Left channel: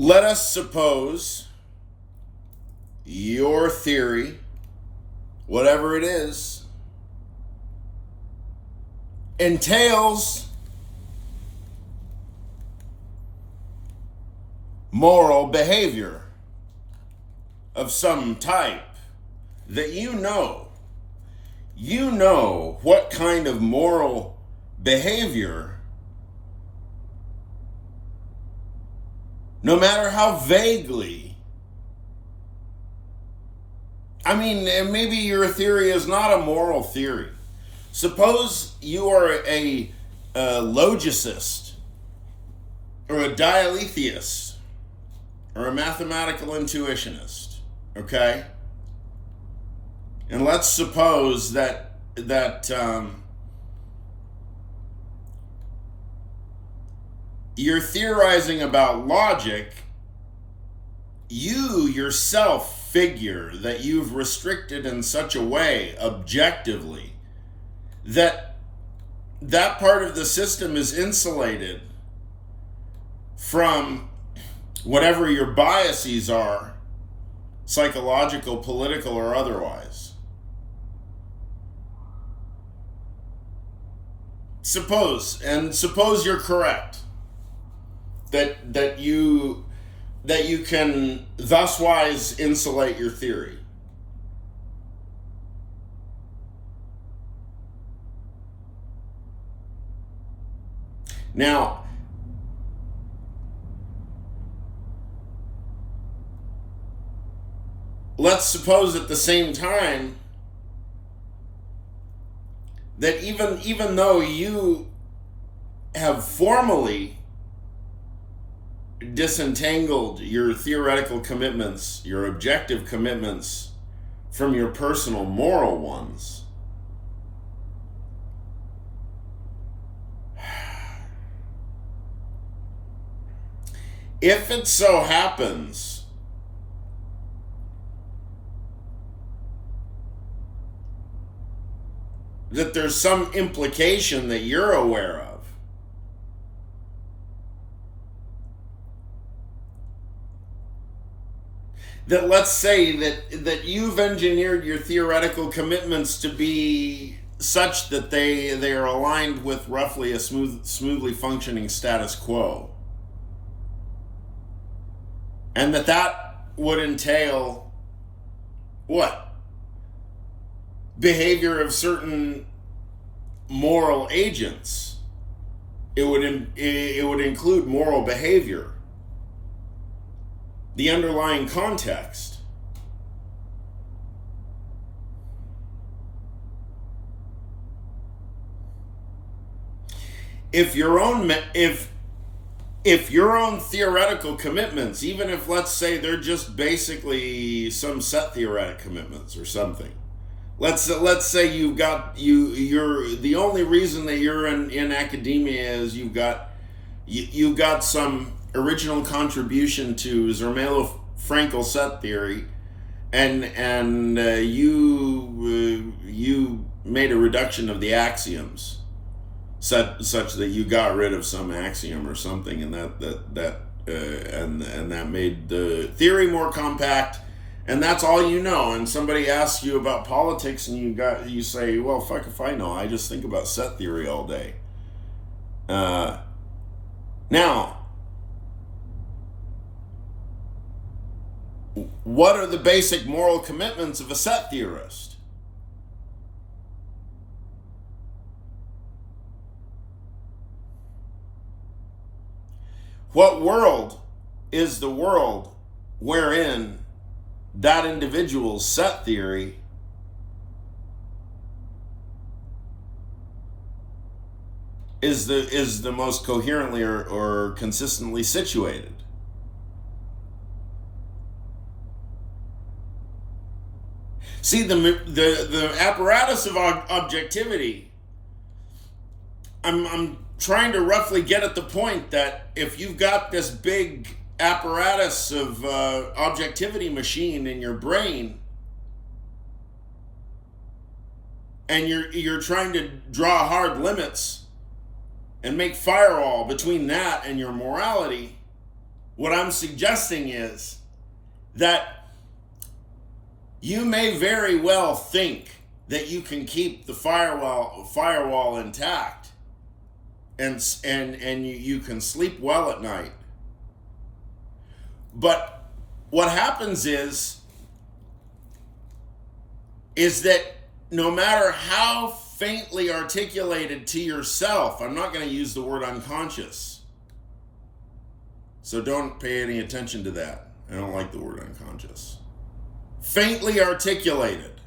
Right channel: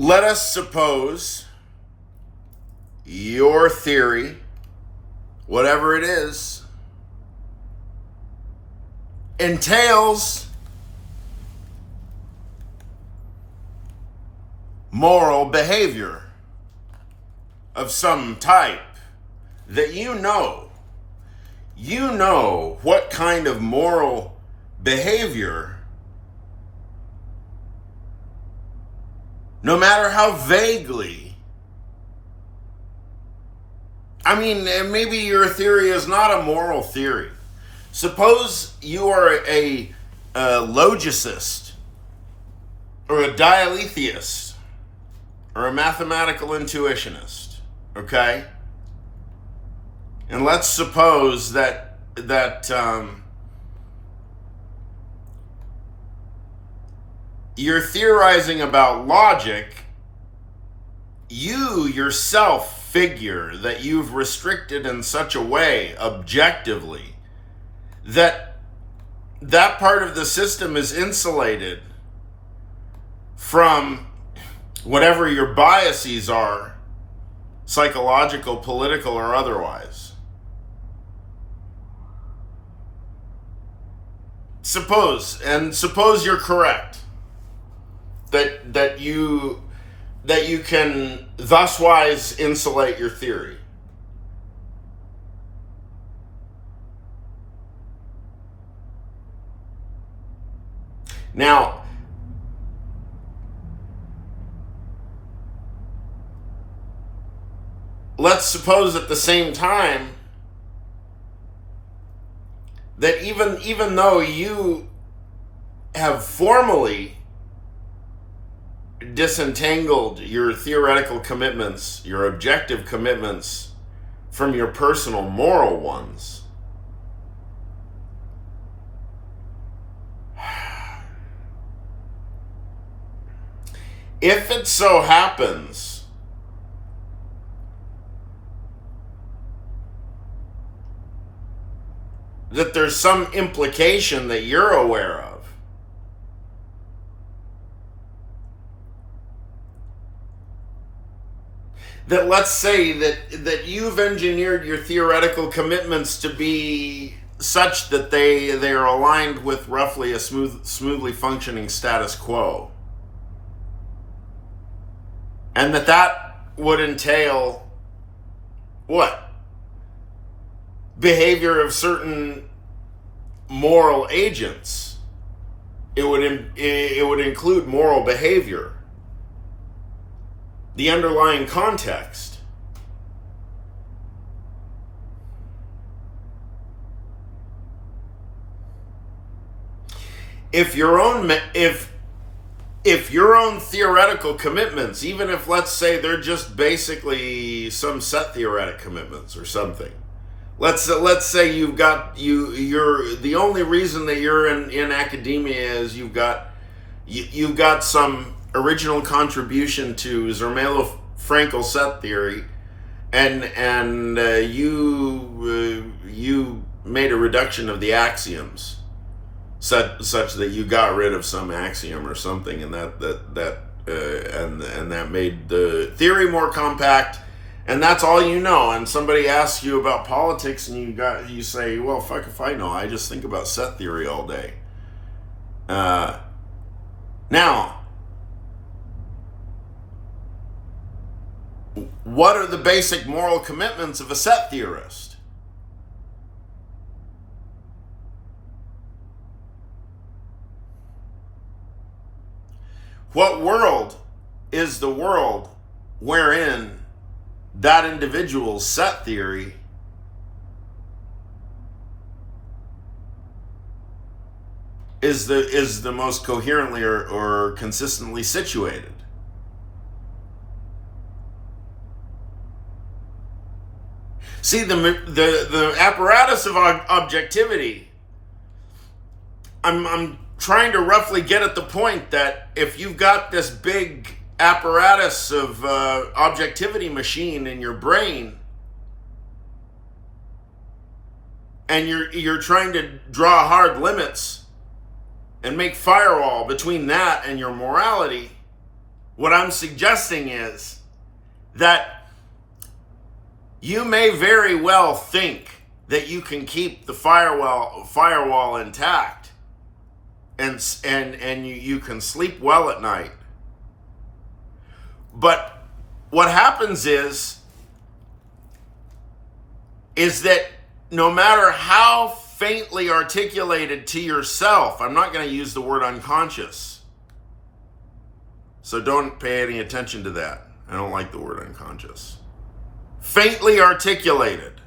Let us suppose your theory, whatever it is, entails moral behavior of some type that you know what kind of moral behavior, no matter how vaguely. I mean, maybe your theory is not a moral theory. Suppose you are a logicist or a dialetheist or a mathematical intuitionist, okay? And let's suppose that you're theorizing about logic. You yourself figure that you've restricted in such a way, objectively, that part of the system is insulated from whatever your biases are, psychological, political, or otherwise. Suppose you're correct that you can thuswise insulate your theory. Now, let's suppose at the same time that even though you have formally disentangled your theoretical commitments, your objective commitments, from your personal moral ones, if it so happens that there's some implication that you're aware of, that let's say that you've engineered your theoretical commitments to be such that they are aligned with roughly a smoothly functioning status quo, and that would entail what? Behavior of certain moral agents. It would include moral behavior. The underlying context. If your own theoretical commitments, even if let's say they're just basically some set theoretic commitments or something, let's say you're the only reason that you're in academia is you've got some original contribution to Zermelo Fraenkel set theory, and you made a reduction of the axioms such that you got rid of some axiom or something, and that made the theory more compact, and that's all you know. And somebody asks you about politics, and you say, well, fuck if I know, I just think about set theory all day. Now, what are the basic moral commitments of a set theorist? What world is the world wherein that individual's set theory is the most coherently or consistently situated? See, the apparatus of objectivity, I'm trying to roughly get at the point that if you've got this big apparatus of objectivity machine in your brain, and you're trying to draw hard limits and make firewall between that and your morality, What I'm suggesting is that you may very well think that you can keep the firewall intact and you can sleep well at night. But what happens is that no matter how faintly articulated to yourself, I'm not going to use the word unconscious, so don't pay any attention to that. I don't like the word unconscious. Faintly articulated,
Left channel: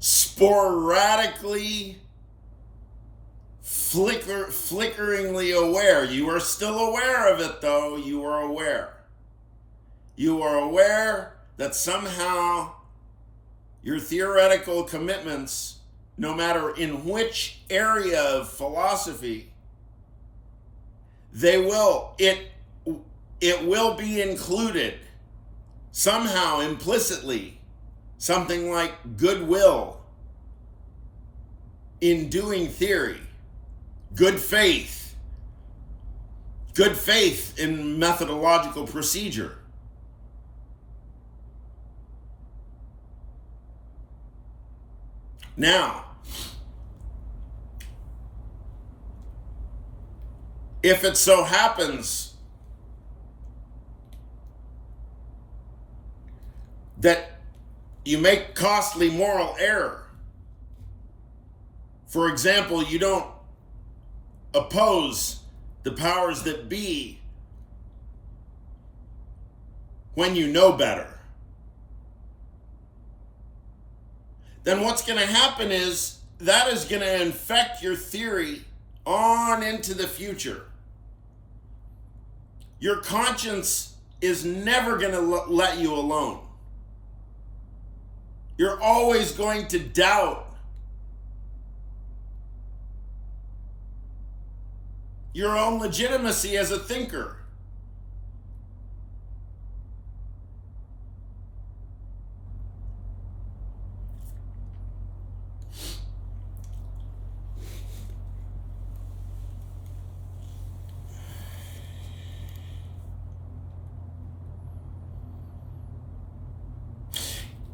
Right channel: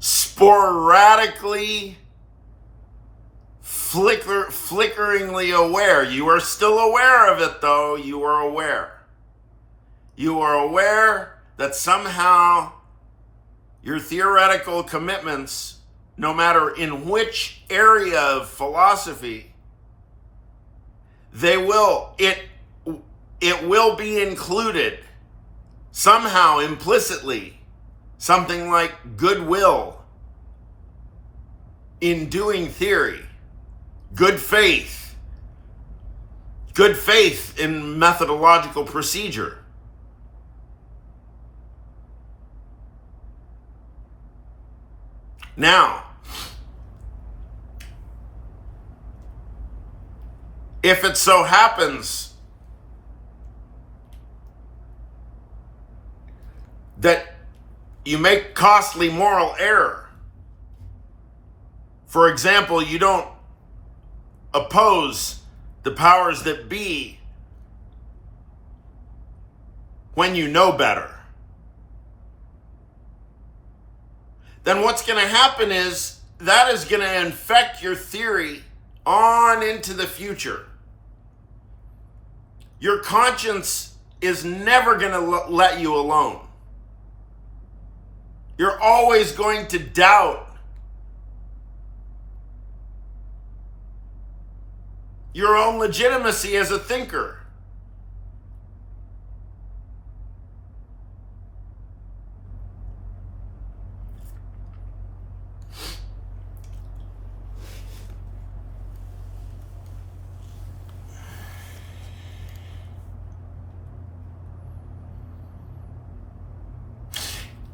sporadically, flickeringly aware. You are still aware of it, though. You are aware. You are aware that somehow your theoretical commitments, no matter in which area of philosophy, it will be included somehow implicitly, something like goodwill in doing theory, good faith in methodological procedure. Now, if it so happens that you make costly moral error, for example, you don't oppose the powers that be when you know better, then what's going to happen is that is going to infect your theory on into the future. Your conscience is never going to let you alone. You're always going to doubt your own legitimacy as a thinker.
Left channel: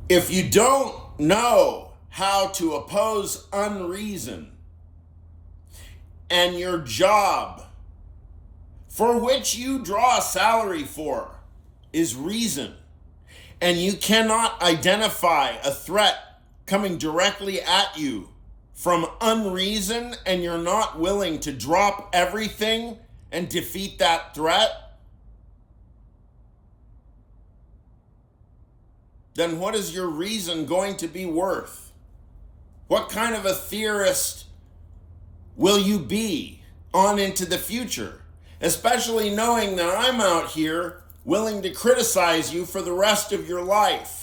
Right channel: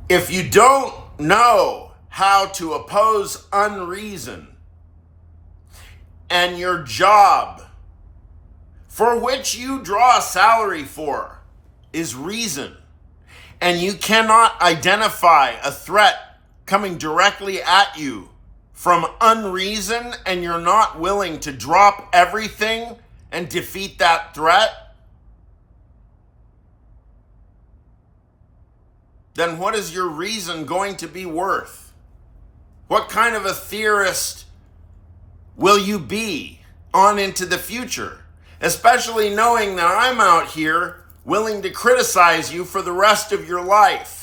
If you don't know how to oppose unreason, and your job, for which you draw a salary for, is reason, and you cannot identify a threat coming directly at you from unreason, and you're not willing to drop everything and defeat that threat, then what is your reason going to be worth? What kind of a theorist will you be on into the future? Especially knowing that I'm out here willing to criticize you for the rest of your life.